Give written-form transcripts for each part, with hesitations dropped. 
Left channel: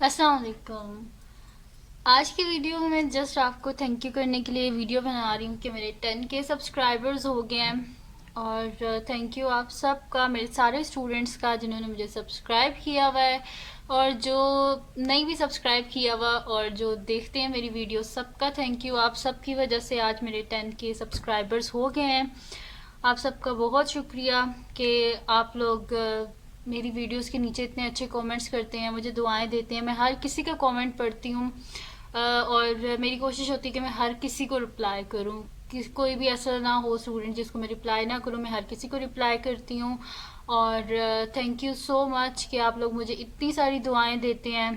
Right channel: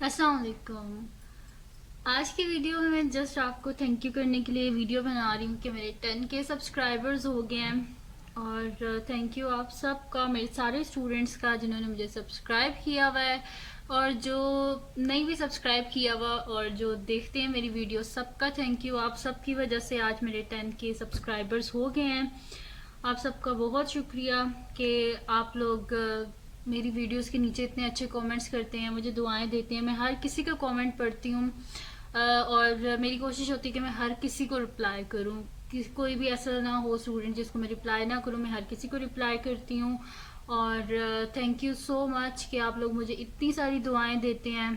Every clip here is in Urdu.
السلام علیکم. آج کی ویڈیو میں جسٹ آپ کو تھینک یو کرنے کے لیے ویڈیو بنا رہی ہوں کہ میرے 10K سبسکرائبرز ہو گئے ہیں. اور تھینک یو آپ سب کا، میرے سارے اسٹوڈنٹس کا جنہوں نے مجھے سبسکرائب کیا ہوا ہے، اور جو نہیں بھی سبسکرائب کیا ہوا اور جو دیکھتے ہیں میری ویڈیو، سب کا تھینک یو. آپ سب کی وجہ سے آج میرے 10K سبسکرائبرز ہو گئے ہیں. آپ سب کا بہت شکریہ کہ آپ لوگ میری ویڈیوز کے نیچے اتنے اچھے کومنٹس کرتے ہیں، مجھے دعائیں دیتے ہیں. میں ہر کسی کا کومنٹ پڑھتی ہوں، اور میری کوشش ہوتی ہے کہ میں ہر کسی کو رپلائی کروں. کوئی بھی ایسا نہ ہو اسٹوڈنٹ جس کو میں رپلائی نہ کروں، میں ہر کسی کو رپلائی کرتی ہوں. اور تھینک یو سو مچ کہ آپ لوگ مجھے اتنی ساری دعائیں دیتے ہیں.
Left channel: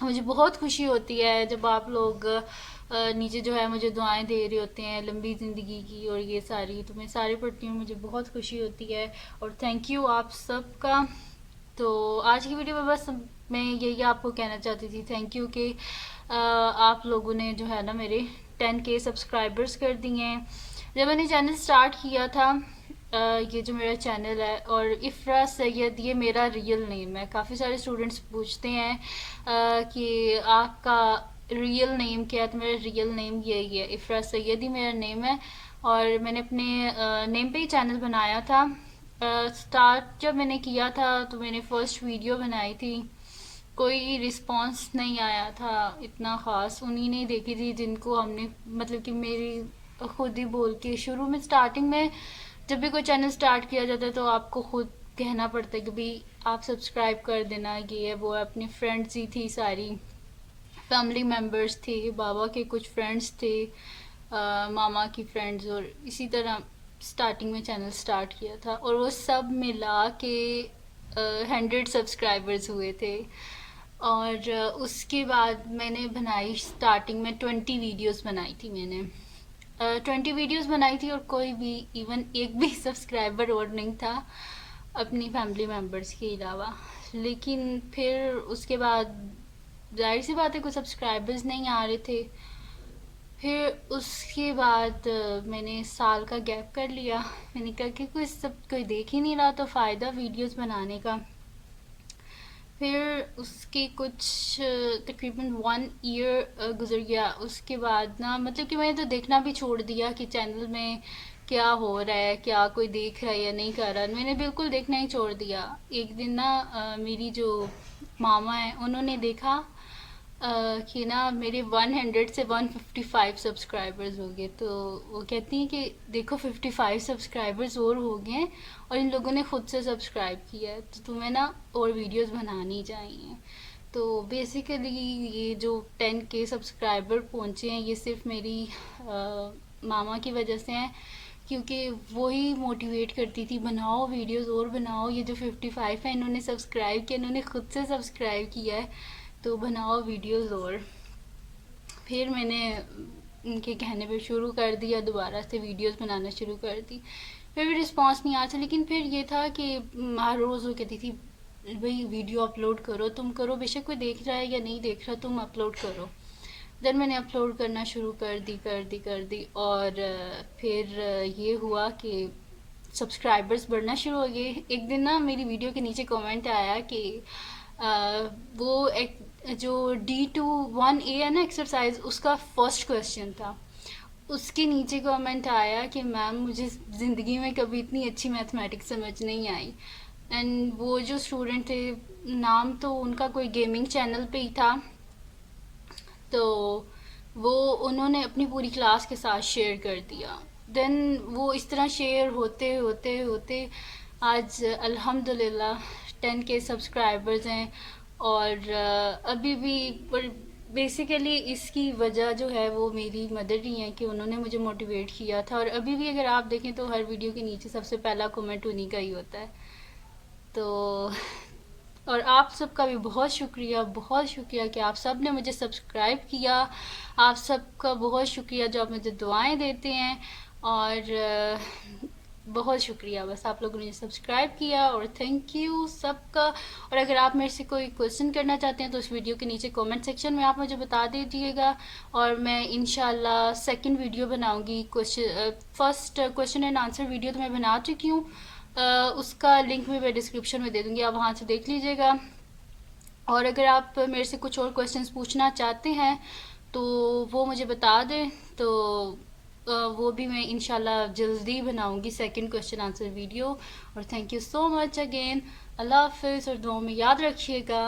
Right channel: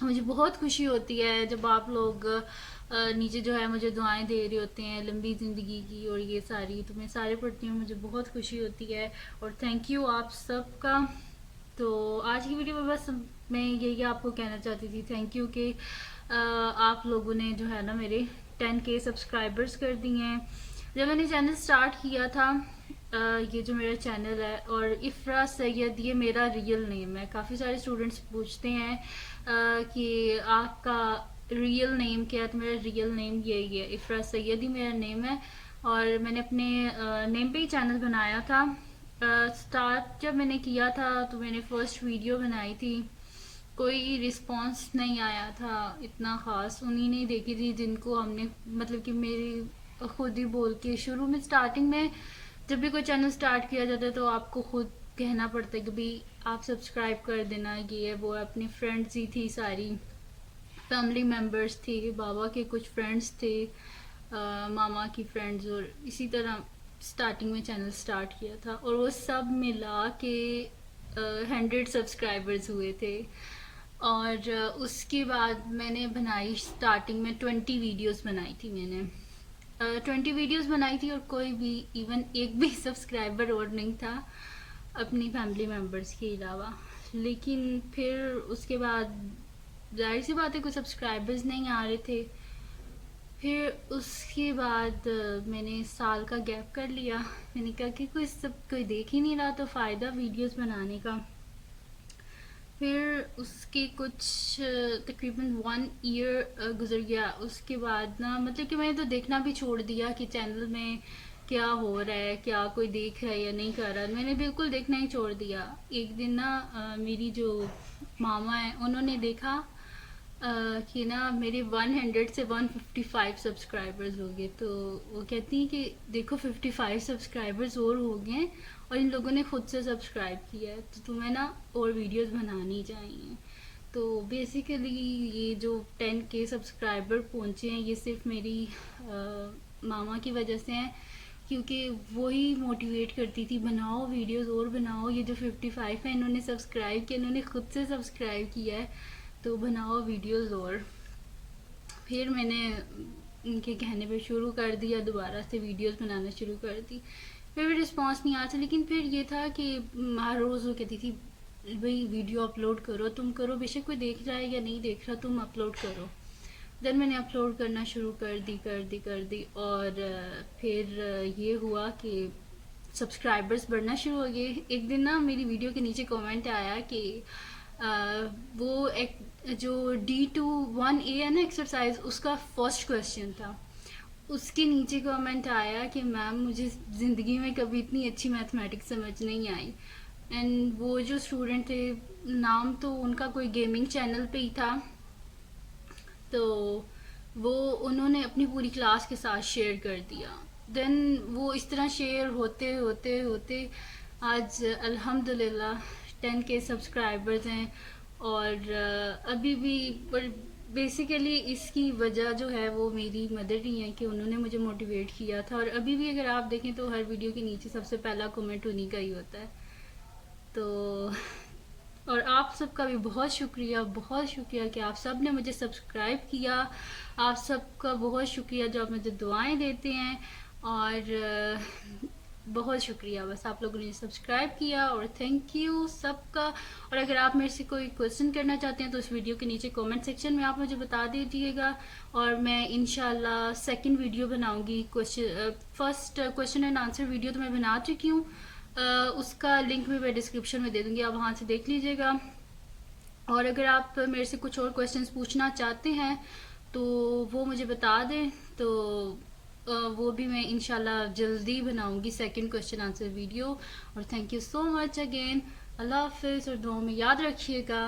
مجھے بہت خوشی ہوتی ہے جب آپ لوگ نیچے جو ہے مجھے دعائیں دے رہے ہوتے ہیں لمبی زندگی کی، اور یہ ساری تو میں سارے پڑھتی ہوں، مجھے بہت خوشی ہوتی ہے. اور تھینک یو آپ سب کا. تو آج کی ویڈیو میں بس میں یہی آپ کو کہنا چاہتی تھی، تھینک یو کہ آپ لوگوں نے جو ہے نا میرے 10K سبسکرائبرز کر دیے ہیں. جب میں نے چینل سٹارٹ کیا تھا، یہ جو میرا چینل ہے، اور افرا سید یہ میرا ریئل نیم ہے. کافی سارے اسٹوڈنٹس پوچھتے ہیں کہ آپ کا ریئل نیم کیا ہے، تو میرا ریئل نیم یہی ہے، افرا سید ہی میرا نیم ہے. اور میں نے اپنے نیم پہ ہی چینل بنایا تھا. سٹارٹ جب میں نے کیا تھا تو میں نے فرسٹ ویڈیو بنائی تھی، کوئی رسپانس نہیں آیا تھا اتنا خاص. انہی نے دیکھی تھی جن کو ہم نے مطلب کہ میری خود ہی بول کے شروع میں اسٹارٹنگ میں جب بھی کوئی چینل سٹارٹ کیا جاتا ہے تو آپ کو خود کہنا پڑتا ہے کہ بھئی آپ سبسکرائب کر دینا. یہ ہے وہ ہے. اپنی فرینڈز ہی تھی، ساری فیملی ممبرز تھے، بابا کے کچھ فرینڈز تھے، ماما کی فرینڈز، اور اسی طرح سٹارٹنگ میں چینل سٹارٹ کیا تھا. اور وہ سب ملا کے 100 سبسکرائبرز ہوئے تھے. اور اس کے بعد میں نے بنائی سٹارٹنگ میں 20 ویڈیوز بنائی تھی. میں نے 20 ویڈیوز بنائی تھی، اور کوئی بھی ایون ایک بھی سبسکرائبر اور نہیں تھا اپنی فیملی ممبرز کے علاوہ. لیکن پھر اس کے بعد ظاہر سی بات ہے کوئی سبسکرائبرز نہیں آ رہے تھے. پھر اس کے بعد میں نے سال کا گیپ کر لیا. میں نے کہا کہ کوئی دیکھ ہی نہیں رہا تو فائدہ ویڈیوز بنانے کا. پھر اس کی کچھ تقریباً 1 ایئر گزر گیا. اس کے بعد نا مطلب کہ میں نے تو دیکھنا بھی چھوڑ دیا کہ چینل میں کیا ہو رہا ہے، کیا کوئی دیکھ رہا ہے یا نہیں کر رہا. میں نے بالکل دیکھنا ہی چھوڑ دیا. ایک دن نا میری جو ماما ہیں انہوں نے دیکھا کہ نا میرے 100 سے 155 سبسکرائبرز ہو گئے. تو وہ کہتی ہیں کہ دیکھو 55 سبسکرائبرز اور ہو گئے ہیں، اور ان لوگوں نے خود سے سبسکرائب کیا ہے، تو تمہیں نا اور ویڈیوز بنانی چاہیے. تو بیسیکلی یہ جو 10K سبسکرائبر پہنچے ہیں یہ صرف میری ماما کی وجہ سے ہیں، کیونکہ وہی موٹیویٹ کرتی تھی بناؤ ویڈیوز اور بناؤ. یہ جو 55 ہیں انہوں نے سبسکرائب کیا، انہوں نے خود سے سبسکرائب کیا ہے، تو بناؤ ویڈیوز. اور پھر میں نے ان کے کہنے پہ شروع کر دیا، دوبارہ سے ویڈیوز بنانا شروع کر دی. پھر بھی رسپانس نہیں آیا تھا. لیکن پھر یہ تھا کہ ہر روز وہ کہتی تھی بھئی ویڈیو اپلوڈ کرو، تم کرو، بے شک کوئی دیکھ رہا ہے یا نہیں دیکھ رہا، تم اپلوڈ کرو. دین میں نے اپلوڈ کرنا شروع کر دی. اور پھر یہ ہوا کہ سبسکرائبرز بڑھنا شروع ہو گئے. ایک دن نا میری ویڈیو کے نیچے کومنٹ آیا کہ وہ ایک جو D21A ہے نا ایکسرسائز، اس کا فرسٹ کویسچن تھا. اس کے نیچے کامنٹ آیا کہ میم مجھے زندگی میں کبھی اتنی اچھی میتھمیٹکس سمجھ نہیں آئی. اینڈ وہ جو اسٹوڈنٹ تھے، نام تو ان کا کوئی گیمنگ چینل پہ ہی تھا، تو وہ انہوں نے اپنی پوری کلاس کے ساتھ شیئر کر دیا. دین وہ اس طرح شیئر ہوتے ہوتے ہوتے آج الحمدللہ 10K سبسکرائبرز ہیں. اور ابھی بھی بیسیکلی اس کی وجہ جو ہے وہ میری مدر ہی ہیں کہ انہوں نے مجھے موٹیویٹ کیا تھا. اور ابھی بھی اگر آپ دیکھیں تو ہر ویڈیو کے نیچے سب سے پہلا کومنٹ انہی کا ہی ہوتا ہے. تو اور آپ سب کا بھی بہت شکریہ کہ آپ سب نے مجھے سبسکرائب کیا. آپ سب کا بہت شکریہ جو آپ مجھے دعائیں دیتے ہیں. اور بہت شکریہ بس آپ لوگوں نے سبسکرائب کیا. اور تھینک یو سب کا. اور اگر آپ میرے سے کوئی کویسچن کرنا چاہتے ہیں تو اس ویڈیو کے نیچے کومنٹ سیکشن میں آپ مجھے بتا دیجیے گا، اور میں انشاءاللہ سیکنڈ ویڈیو بناؤں گی. First question and answer video تو میں بنا چکی ہوں، اس کا لنک میں ڈسکرپشن میں دے دوں گی، آپ وہاں سے دیکھ لیجیے گا. اور اگر آپ میرے سے کچھ اور کویشچنس پوچھنا چاہتے ہیں تو وہ مجھے بتا دیں، تو وہ بھی میں انشاءاللہ جلدی بناؤں گی سیکنڈ کویشچن آنسر ویڈیو. اور thank you so much again. اللہ حافظ اور دعاؤں میں یاد رکھیے گا.